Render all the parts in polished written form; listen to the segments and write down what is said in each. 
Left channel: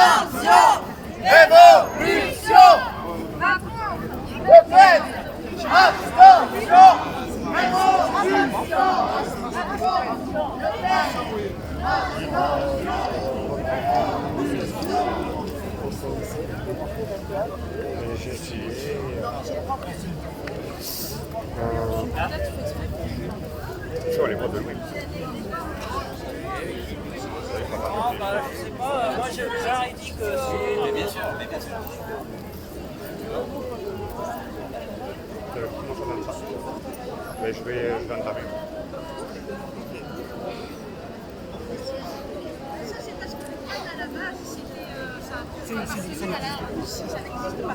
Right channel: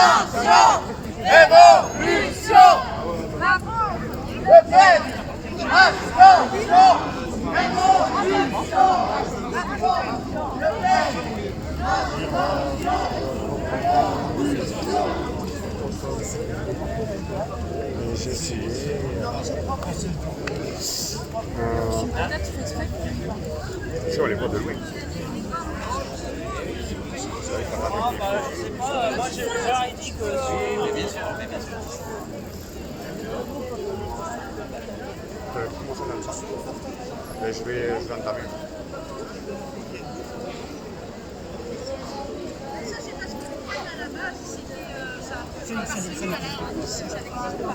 Abstention! Révolution! Peut-être! Abstention! Révolution! J'ai essayé. Sur les voix de Louis. Je sais pas, moi j'aurais dit que c'est... Mais bien sûr, Comment ça donne ça? Mais je vais entamer.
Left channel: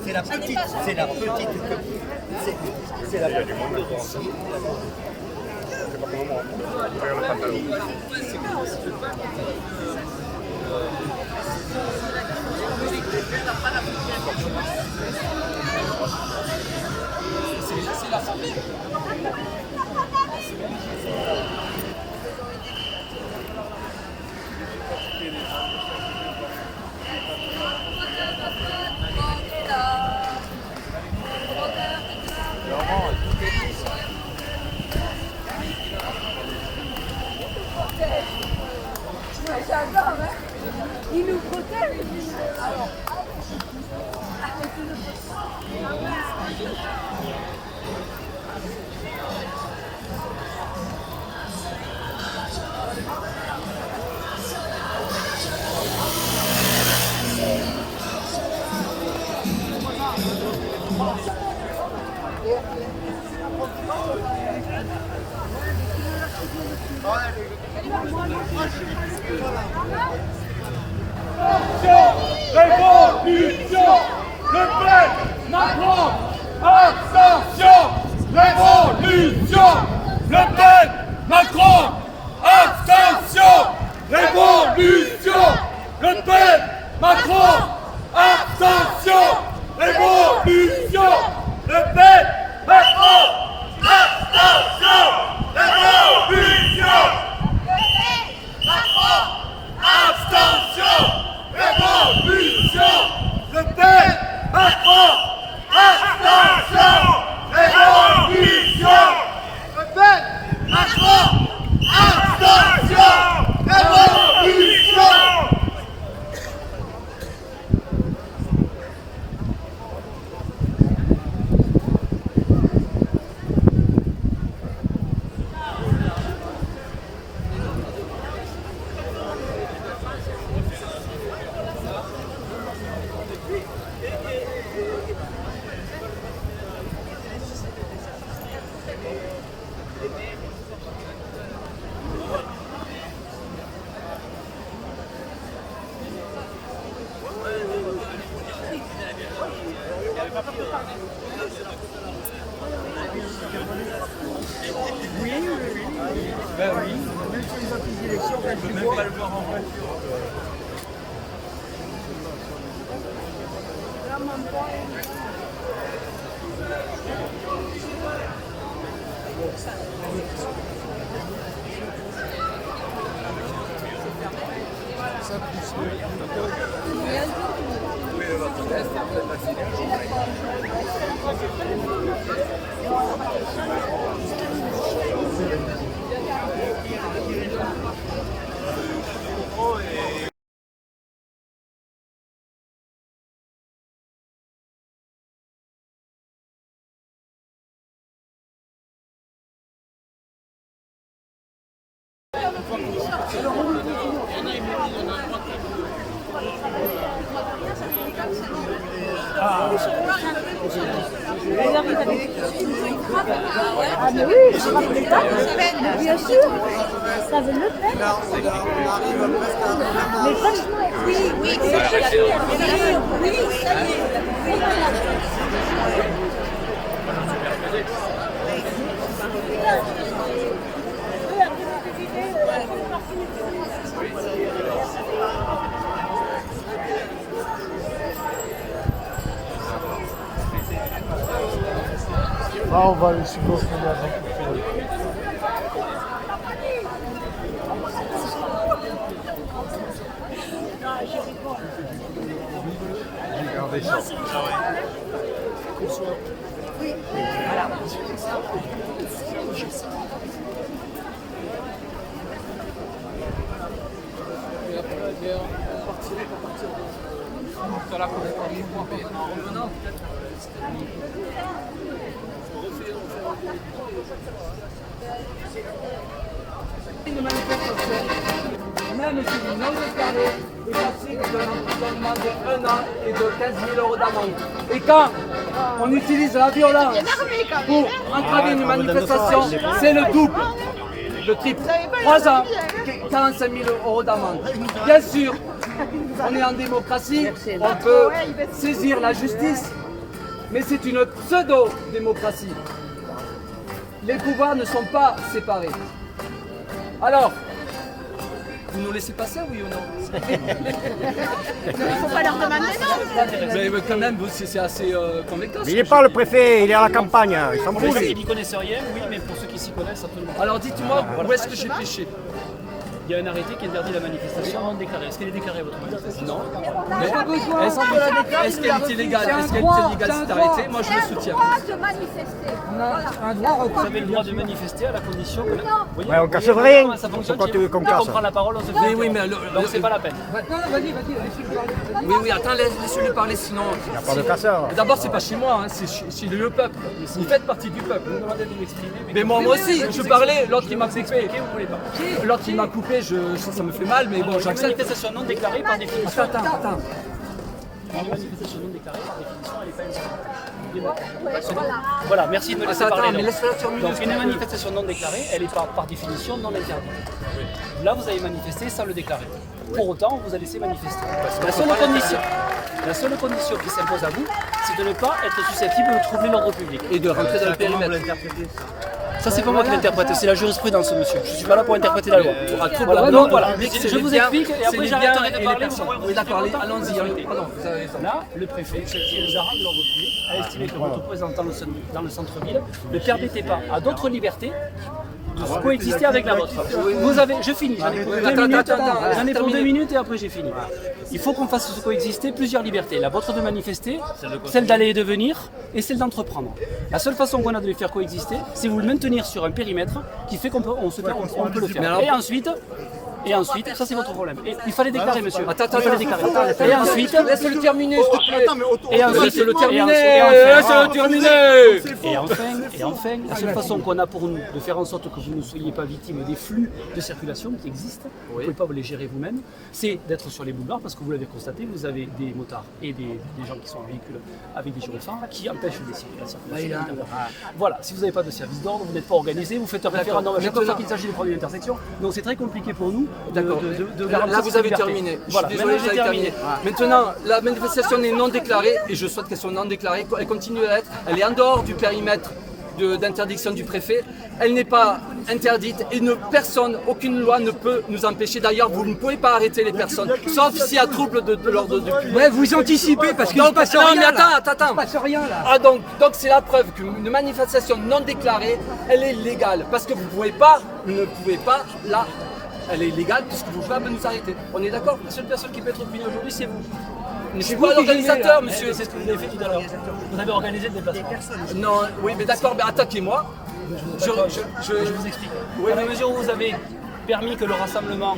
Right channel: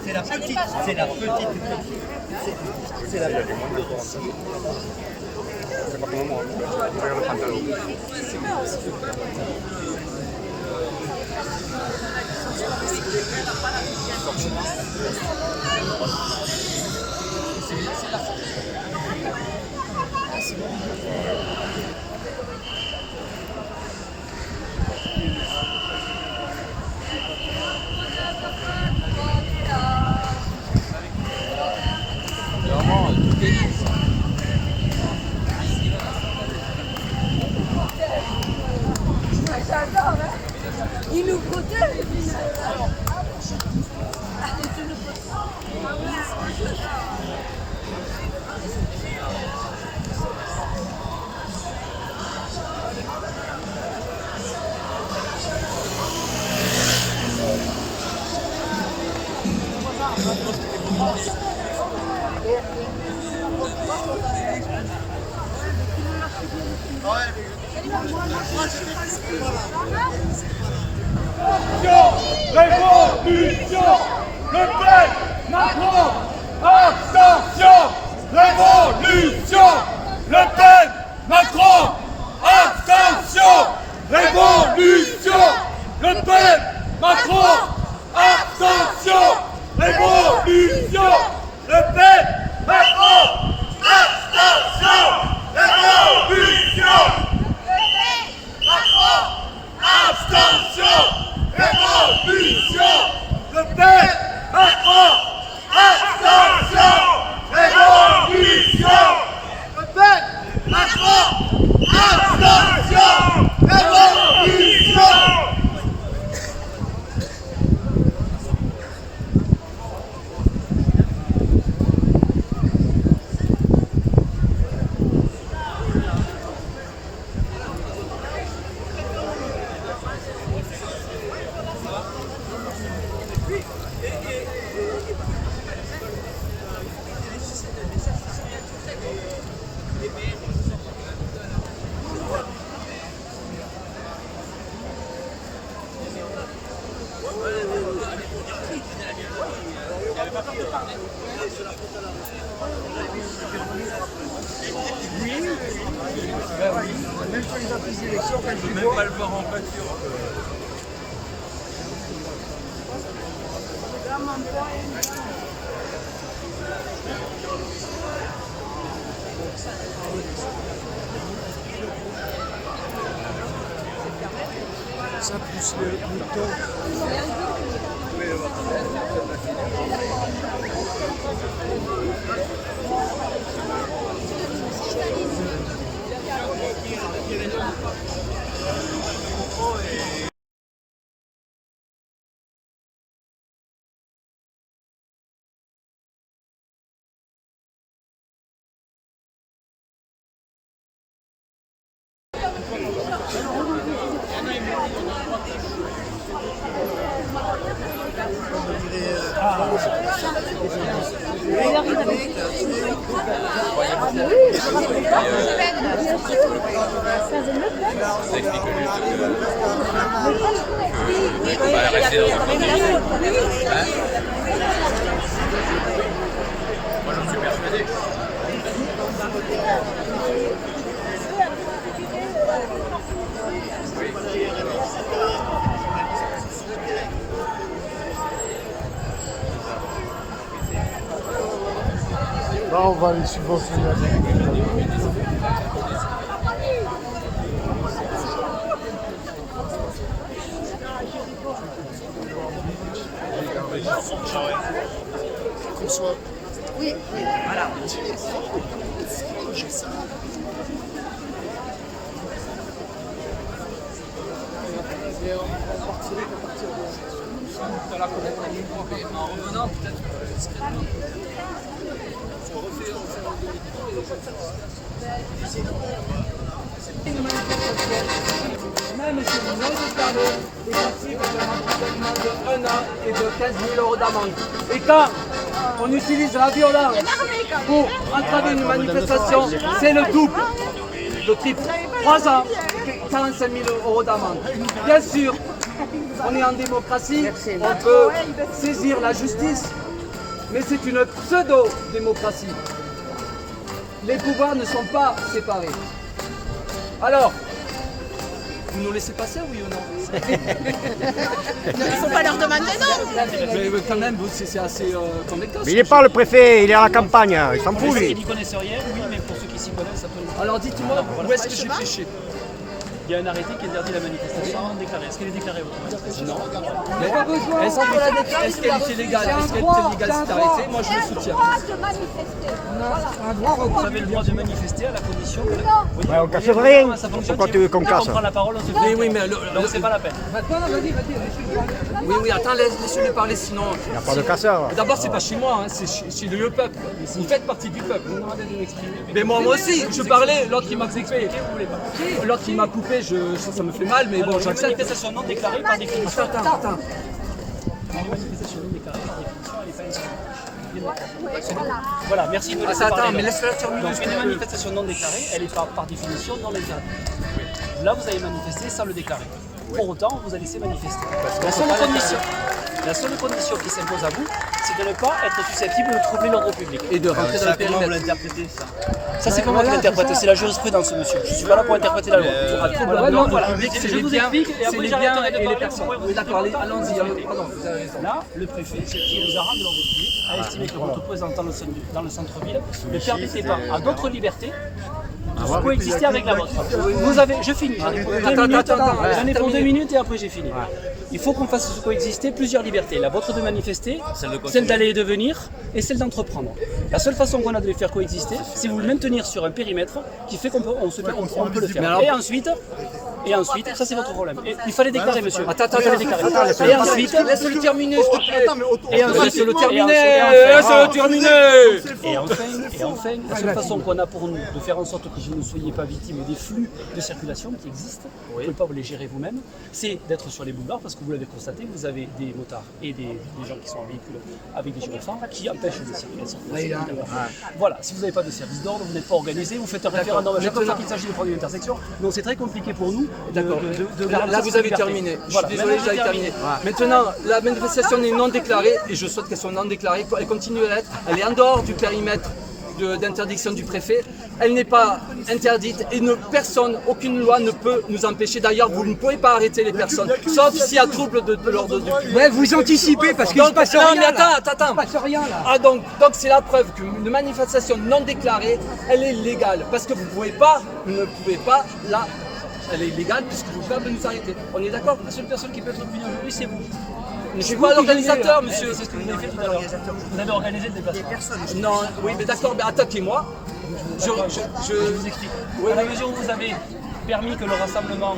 C'est la petite, c'est la petite. Il y a du monde encore en dessous. C'est pas comme moi. Regarde le pantalon. J'adore, hein. Il nous protège et puis... Révolution! Le Pen! Macron! Abstention! Révolution! Le Pen! Macron! Abstention! Révolution! Le Pen! Macron! Abstention! Révolution! Le Pen! Macron! Abstention! Révolution! Macron! Abstention! Révolution! Le Pen! Macron! Abstention! Révolution! Le Pen! Macron! Abstention! Révolution! Même sur les autres élections, quand je vois... Ça pousse le Il arrive avec... Ah mais oui, bien sûr. Ça veut le faire. Mais comme... Moi, j'en suis persuadé. Là, on va les subventionner. On partirait qu'à partir de là pour être en mois, mais en revenant peut-être. Même si vous non déclaré est passible d'un emprisonnement de 1 an et de 15 000 € d'amende. Et quand on utilise la violence pour entraver une manifestation, c'est le double, le triple. 3 ans, 45 000 € d'amende. Bien sûr, on est en démocratie, on peut saisir la justice, mais c'est une pseudo-démocratie. Les pouvoirs ne sont pas séparés. Alors, vous nous laissez passer, oui ou non? Il ne faut pas leur demander non. Mais quand même, c'est assez convaincant. Mais il n'est pas le préfet, il est à la campagne, il s'en fout Il lui. n'y connaissent rien, oui, mais pour ceux qui s'y connaissent, ça peut le. Alors dites-moi, où est-ce que j'ai péché? Il y a un arrêté qui interdit la manifestation non déclarée. Est-ce qu'elle est déclarée votre manifestation? Non. Mais est-ce qu'elle est illégale? Est-ce qu'elle est illégale cette arrêté? Moi je le soutiens. On a le droit de manifester. Voilà. Vous avez le droit de manifester à la condition que. Oui. Ouais, on casse rien. Comment ça fonctionne? Pourquoi tu veux qu'on Quand casse? on prend la parole, on se Oui, oui, mais donc c'est pas la peine. oui, oui, attends, laissez-le parler, sinon. Pas de casseur. D'abord, c'est pas chez moi, hein, c'est chez le peuple. Vous faites partie du peuple. Vous demandez de l'exprimer. Mais moi aussi, je parlais, l'autre il m'a coupé. L'autre il m'a coupé, ça me fait mal, mais bon, Une j'accepte. manifestation non déclarée par définition. Attends. Une manifestation non déclarée par définition, elle n'est pas inscrite. Voilà, merci de me laisser Attends, parler. mais laisse-la terminer. Donc ce une que tu veux. manifestation non déclarée, elle est par définition non interdite. Là, vous avez manifesté sans le déclarer. Pour autant, on vous a laissé manifester. La seule condition qui s'impose à vous, c'est de ne pas être susceptible de troubler l'ordre public. Et de rentrer dans le périmètre. Ça, c'est pas moi qui l'interprète, c'est la jurisprudence, monsieur. Je suis pas là pour interpréter la loi. Pour un trouble Voilà, de donc, l'ordre voilà. public, c'est Je les vous biens, explique et c'est après les j'arrêterai biens de et les parler. personnes. Oui, d'accord, allons-y. Pardon, vous avez raison. Là, le préfet, qui est le garant de l'ordre public, a estimé que votre présence dans le centre-ville ne permettait pas à d'autres libertés de coexister avec la vôtre. Vous avez, je finis, j'en ai pour 2 minutes, j'en ai pour 2 minutes et après j'ai fini. Il faut qu'on fasse coexister plusieurs libertés. La vôtre de manifester, celle d'aller et de venir et celle d'entreprendre. La seule façon qu'on a de les faire coexister, c'est vous le maintenir sur un périmètre qui fait qu'on peut, on peut le faire. alors- Et ensuite, ça c'est votre problème. Et il fallait déclarer, monsieur. Attends, Il fallait déclarer. Et ensuite, laisse-le terminer, s'il te plaît. et ensuite, Laisse-le terminer, et laisse-le terminer. Et enfin, la seule façon qu'on a pour nous de faire en sorte que vous ne soyez pas victime des flux de circulation qui existent, vous ne pouvez pas vous les gérer vous-même, c'est d'être sur les boulevards parce que vous l'avez constaté, vous avez des motards et des gens qui sont en véhicule avec des gyrophares qui empêchent la circulation. Voilà, si vous n'avez pas de service d'ordre, vous n'êtes pas organisé, vous faites un référendum à chaque fois qu'il s'agit de prendre une intersection, donc c'est très compliqué pour nous. D'accord. de Là, vous avez terminé. Je suis désolé, vous avez terminé. Maintenant, la manifestation est non déclarée et je souhaite qu'elle soit non déclarée. Elle continue à l'être. Elle est en dehors du périmètre d'interdiction du préfet. Elle n'est pas interdite et personne, aucune loi ne peut nous empêcher. D'ailleurs, vous ne pouvez pas arrêter les personnes, sauf s'il y a trouble de l'ordre du public. Ouais, vous anticipez parce qu'il ne se passe Non, rien mais là. attends. Il ne se passe rien là. Ah donc c'est la preuve qu'une manifestation non déclarée, elle est légale. Parce que vous ne pouvez pas là. Elle est illégale puisque vous ne pouvez pas nous arrêter. On est d'accord? La seule personne qui peut être punie aujourd'hui, c'est vous. Je suis pas l'organisateur, monsieur. C'est ce que vous avez fait tout à l'heure. Vous avez organisé le déplacement. Non, oui, mais d'accord, mais attaquez-moi. Je vous explique. À la mesure où vous avez permis que le rassemblement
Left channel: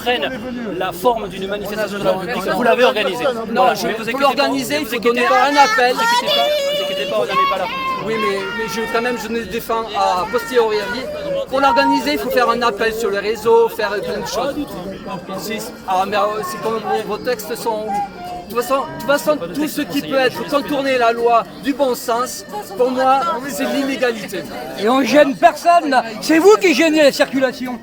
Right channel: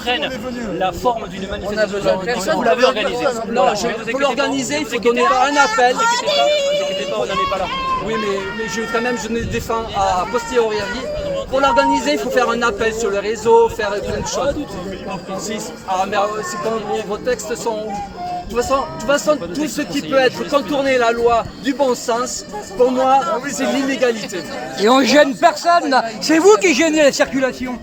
prenne la forme d'une manifestation, vous l'avez organisé. Non, pour l'organiser, il faut donner un appel. Ne vous inquiétez pas, on n'en est pas là. Oui, mais je ne défends à posteriori. Pour l'organiser, il faut faire un appel sur le réseau, faire plein de choses. Ah, mais c'est comme vos textes sont. De toute façon, tout ce qui peut être contourner la loi du bon sens, pour moi, c'est l'illégalité. Et on gêne personne là. C'est vous qui gênez la circulation.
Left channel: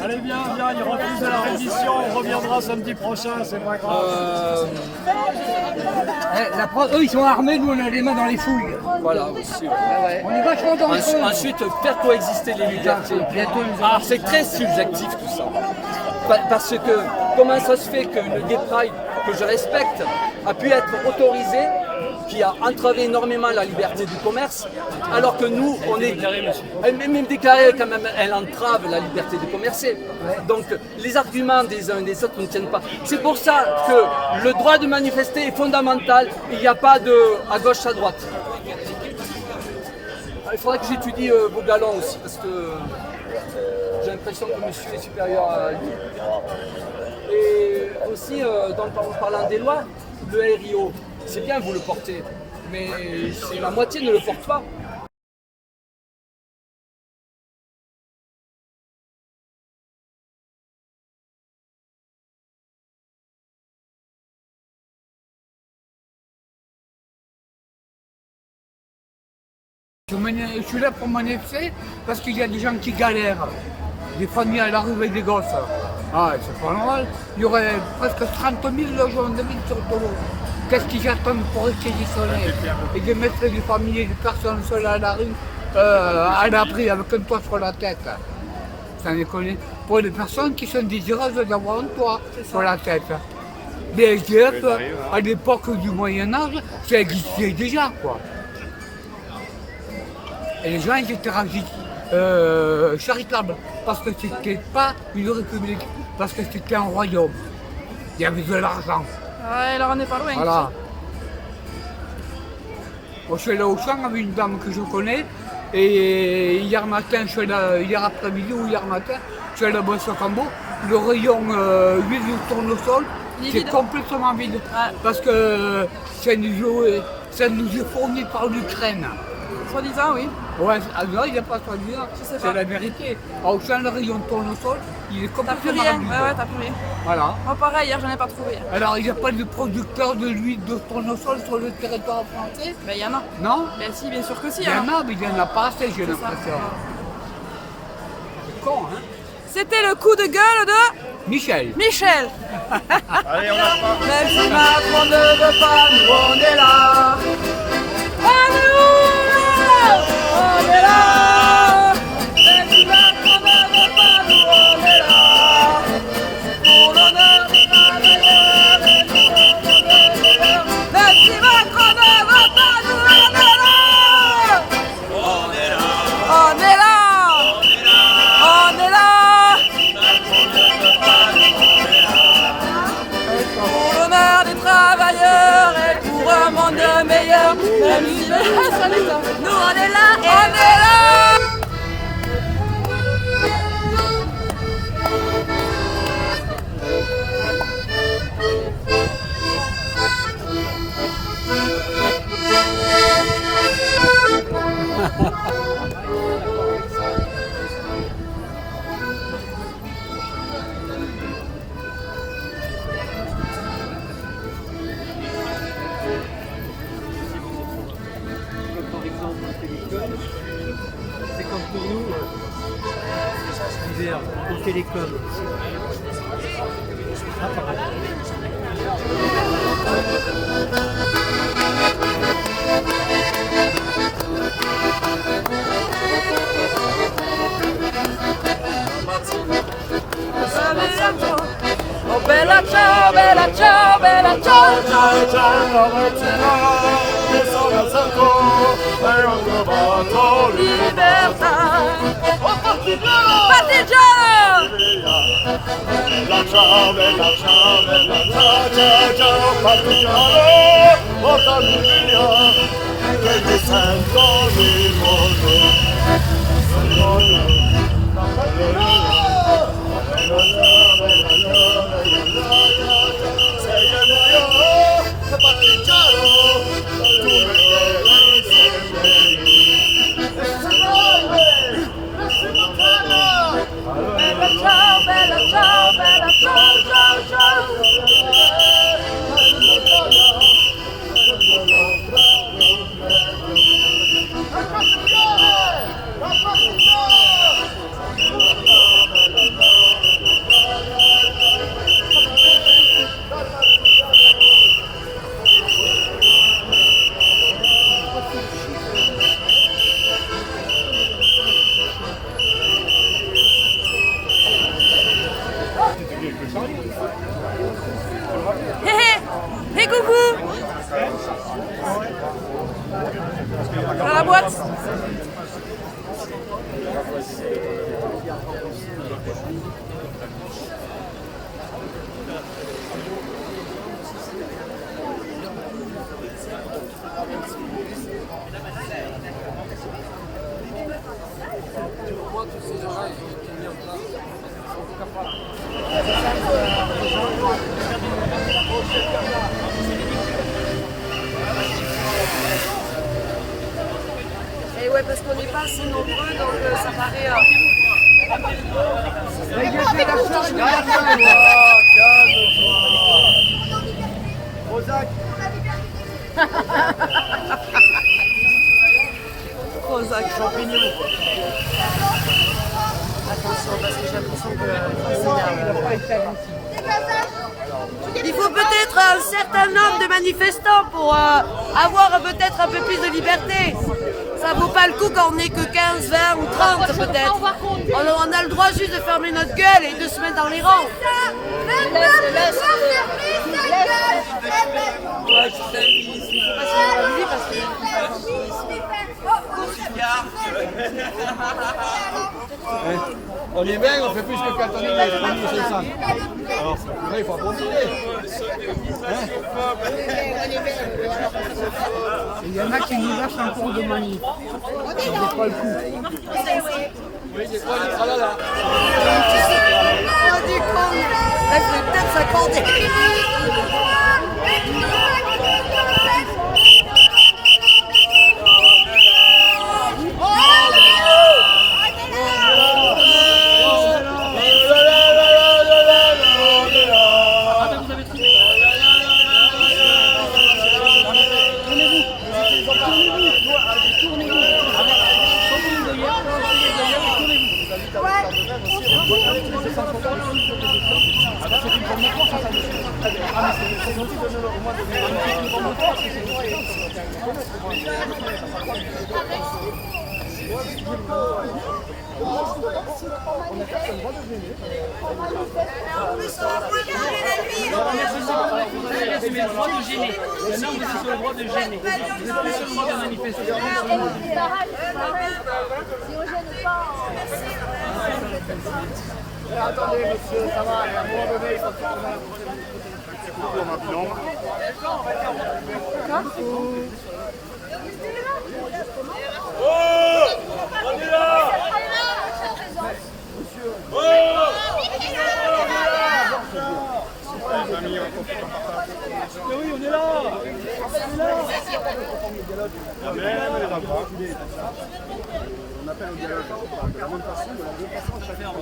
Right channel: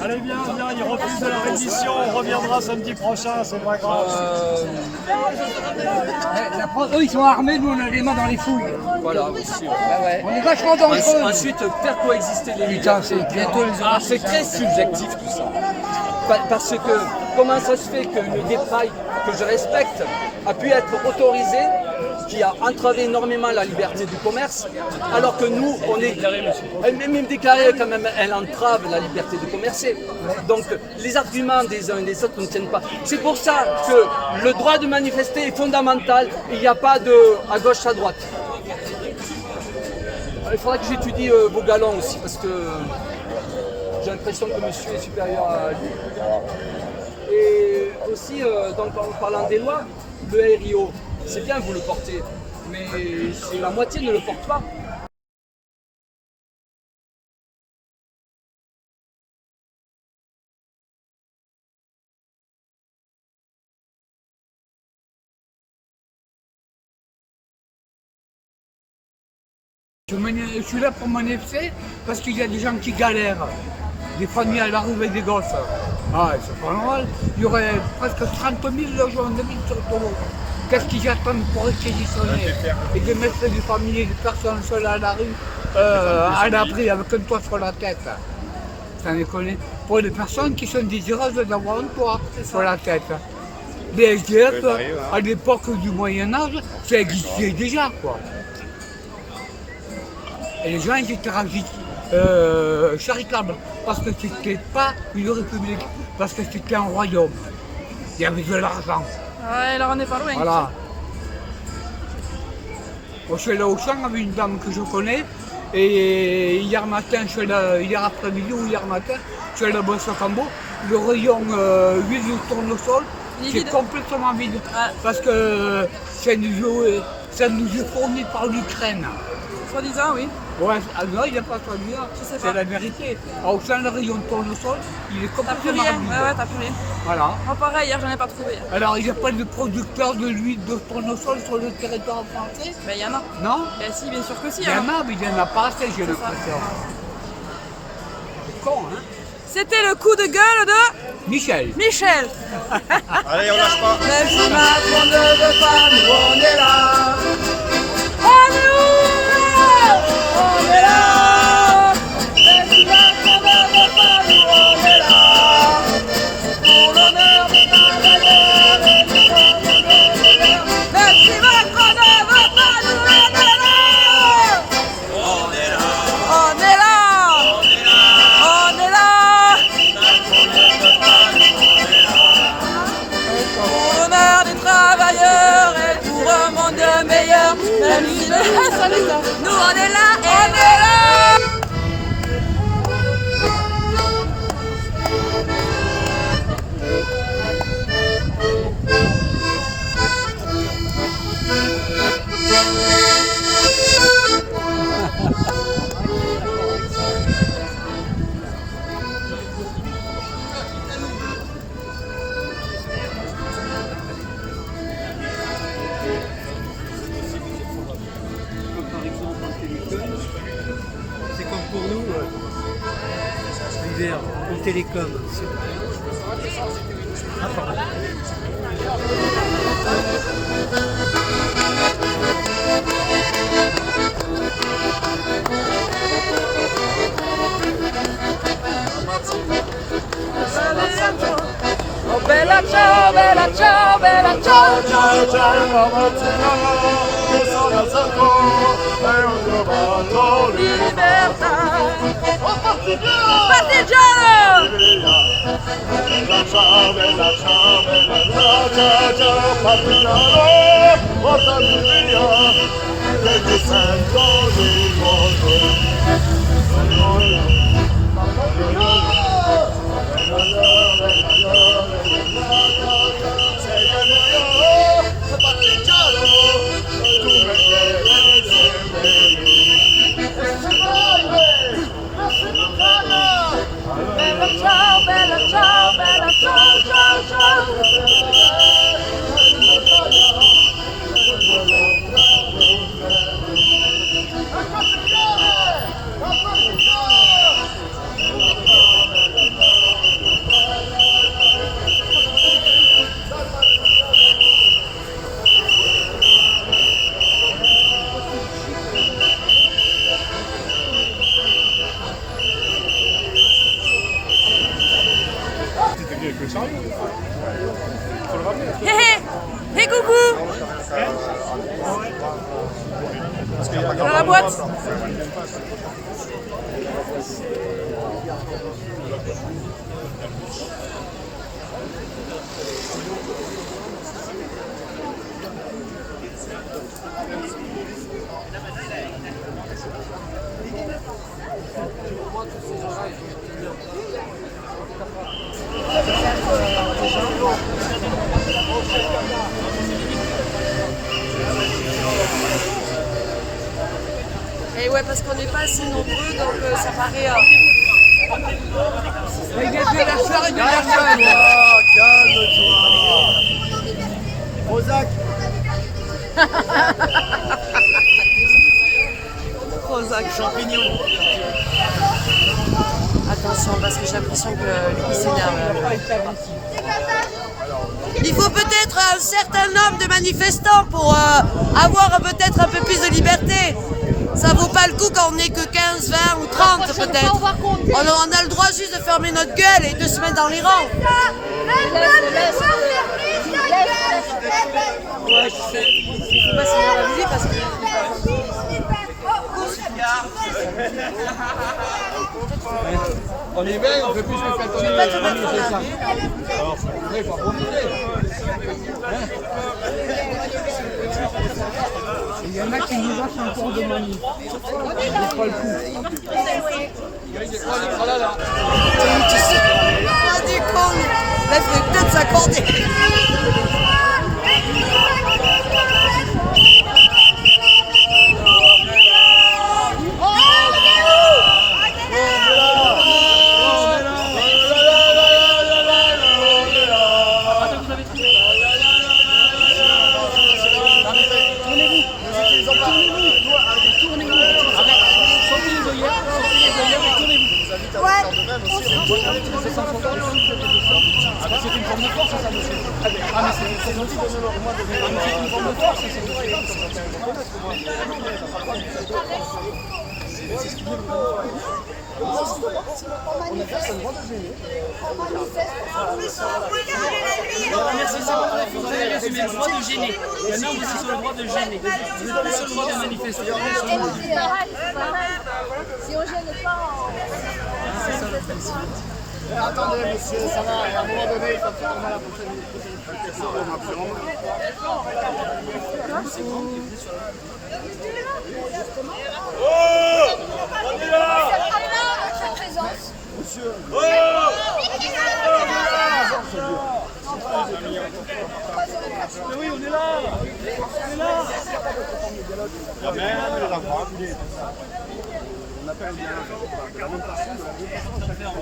Allez, viens, il refuse de la reddition, on reviendra samedi prochain, c'est pas grave. Eux ils sont armés, nous on a les mains dans les fouilles. Voilà, aussi. On est vachement dangereux. Ensuite, faire coexister les libertés. Alors, c'est très subjectif tout ça. Parce que comment ça se fait qu'une dépraille que je respecte a pu être autorisée qui a entravé énormément la liberté du commerce, alors que nous, on est... Même déclarée quand même, elle entrave la liberté de commercer. Donc les arguments des uns et des autres ne tiennent pas. C'est pour ça que le droit de manifester est fondamental, il n'y a pas de à gauche, à droite. Il faudra que j'étudie vos galons aussi, parce que j'ai l'impression que monsieur est supérieur à lui. Et aussi, donc, en parlant des lois, le RIO, c'est bien, vous le portez, mais la moitié ne le porte pas. Je suis là pour manifester parce qu'il y a des gens qui galèrent, des familles à la rue avec des gosses. Ah, c'est pas normal. Il y aurait presque 30 000 logements de ville sur Tolo. Qu'est-ce qu'ils attendent pour réquisitionner et de mettre des familles et des personnes seules à la rue, à l'abri avec un toit sur la tête? Ça déconne. Pour les personnes qui sont désireuses d'avoir un toit sur la tête. Les SDF, à l'époque du Moyen-Âge, ça existait déjà, quoi. Et les gens ils étaient charitables, parce que c'était pas une république, parce que c'était un royaume. Il y avait de l'argent. Ouais, alors on n'est pas loin. Voilà. Moi, je suis allé au champ avec une dame que je connais, et hier matin, hier après-midi ou hier matin, je suis allé à Boissy-Cambo, le rayon huile de tournesol, c'est complètement vide. Ouais. Parce que ça nous est fourni par l'Ukraine. Soi-disant, oui. Ouais, non, il n'y a pas soi-disant, c'est la vérité. Au sein le rayon de tournesol, il est complètement vide. Ouais, t'as plus rien. Voilà. Moi, pareil, hier, j'en ai pas trouvé. Alors, il n'y a pas de producteur de l'huile de tournesol sur le territoire français? Ben, il y en a. Non? Ben, si, bien sûr que si. Il y en a, mais il n'y en a pas assez, j'ai l'impression. C'est con, hein? C'était le coup de gueule de... Michel. Michel. Allez, on lâche pas. Même si Macron ne veut pas, nous, on est là. On est où? On est là. Même si Macron ne veut pas, nous, on est là. Pour l'honneur des travailleurs et du travailleur. Même si Macron ne veut pas, nous, on est là. On est là. On est là. On est là. Pour l'honneur des travailleurs et pour un monde meilleur, même si les soldats, nous on est là, on est là. C'est comme pour nous, au télécom. Ah, pardon. Oh bella ciao, bella ciao, bella ciao, ciao, ciao. Libertà. Partigiano! Bella ciao, bella ciao, bella ciao, partigiano, oh famiglia, che ti sento il mondo. Bella ciao, bella ciao, bella ciao, ciao, ciao. Hé hé. Hé coucou. Dans la boîte. Et ouais, parce qu'on n'est pas assez nombreux, donc ça paraît... Il y a de la charge de la salle. Prozac. Attention, parce que j'ai l'impression que le s'énerve. Il faut peut-être un certain nombre de manifestants pour avoir peut-être un peu plus de liberté. Ça vaut pas le coup quand on n'est que 15, 20 ou 30 peut-être. On a le droit juste de fermer notre gueule et de se mettre dans les rangs. Le peuple doit fermer sa gueule. On est bien, on fait plus que 4 minutes, c'est ça. Il faut profiter. Il y en a qui nous lâchent un cours de manif. C'est pas le coup. Du con, il faudrait peut-être s'accorder. Attendez, monsieur, ça va, à un moment donné, il faut prendre la prochaine. Oh, on est là. Monsieur. Oh, oui, on est là. On est là. On appelle au dialogue de la même façon, de la même façon à chaque fois.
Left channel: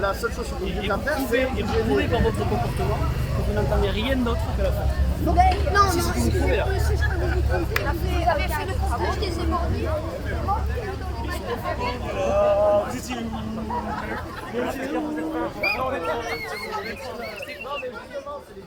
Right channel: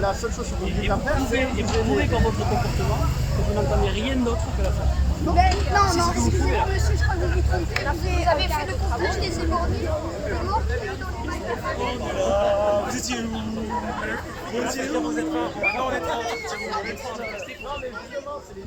La seule chose que vous dites à faire, c'est... Et vous prouvez par votre comportement que vous n'entendez rien d'autre que la force. Non, excusez-moi, monsieur, je crois que vous vous trompez. Vous avez fait le travaux des éborgnés. Comment Non, mais justement, c'est les